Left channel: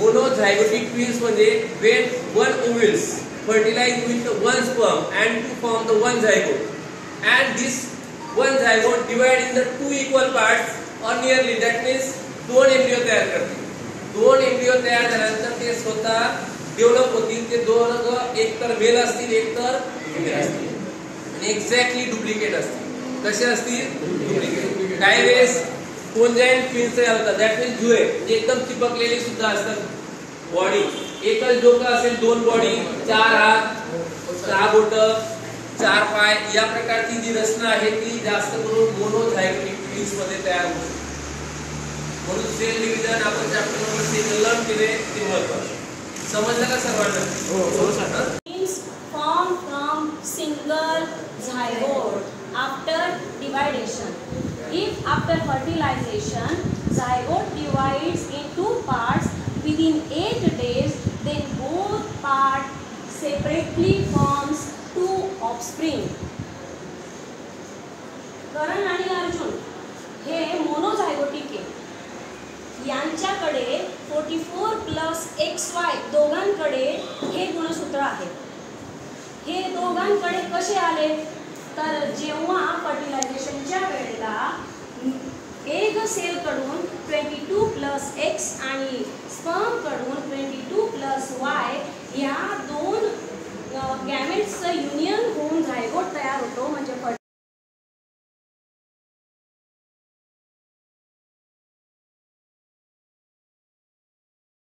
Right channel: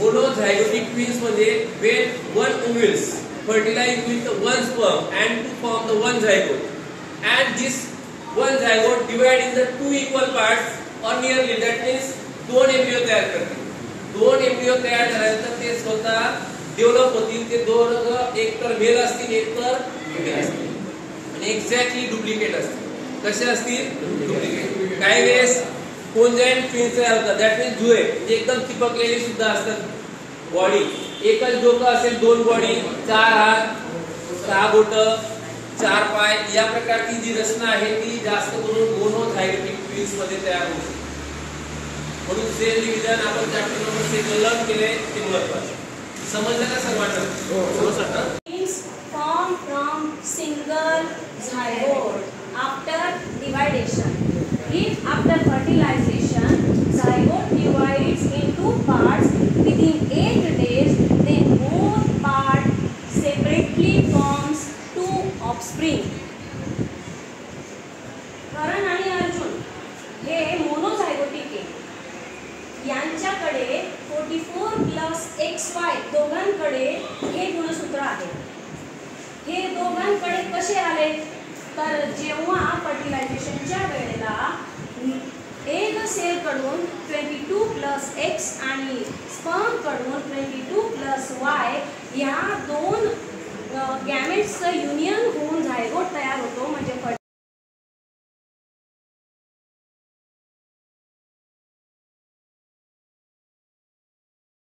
Monozygotic twins म्हणजे when one ovules fertilize with one sperm and to form the one zygote, and this one zygote divide in the two equal parts or nearly, that means दोन embryo तयार करतील. दोन embryo तयार झाल्यानंतर ते स्वतः develop होतील. ते दोन एक तर मेल असतील एक तर फिमेल असतील आणि एक्झॅक्टली डुप्लिकेट असतील. कसे असतील? डुप्लिकेट. काही वेळेस कोंजॅक्ट ट्विन्स तयार होतात. दॅट मीन्स जुळे एकदम चिपकलेले सुद्धा असतात. बॉडी एकच डोकं असेल, दोन बॉडी, चार हात, सहा बोट, चार पाय, या प्रकारची जी रचना आहे ती जास्त करून मोनोझायगोटिक ट्विन्स मध्ये तयार होते. म्हणून सेल डिव्हिजन आपण चॅप्टर नंबर 6 लर्न केले, ते महत्त्वाचे. समजलं का सर्वांना? Twins form from single zygote after dividation. If after fertilization zygote divides in two parts within 8 days, then both parts separately forms two offspring. करण आणि अर्जुन हे मोनोझायगोटिक आहे. यांच्याकडे 44 प्लस XY दोघांकडे हे गुणसूत्र आहे. हे दोघांकडे कसे आले? तर जेव्हा फर्टिलायझेशनच्या वेळेला एक सेल कडून 22 प्लस X आणि स्पर्म कडून 22 प्लस Y या दोन गॅमेट्सचं युनियन होऊन झायगोट तयार होतो. म्हणजे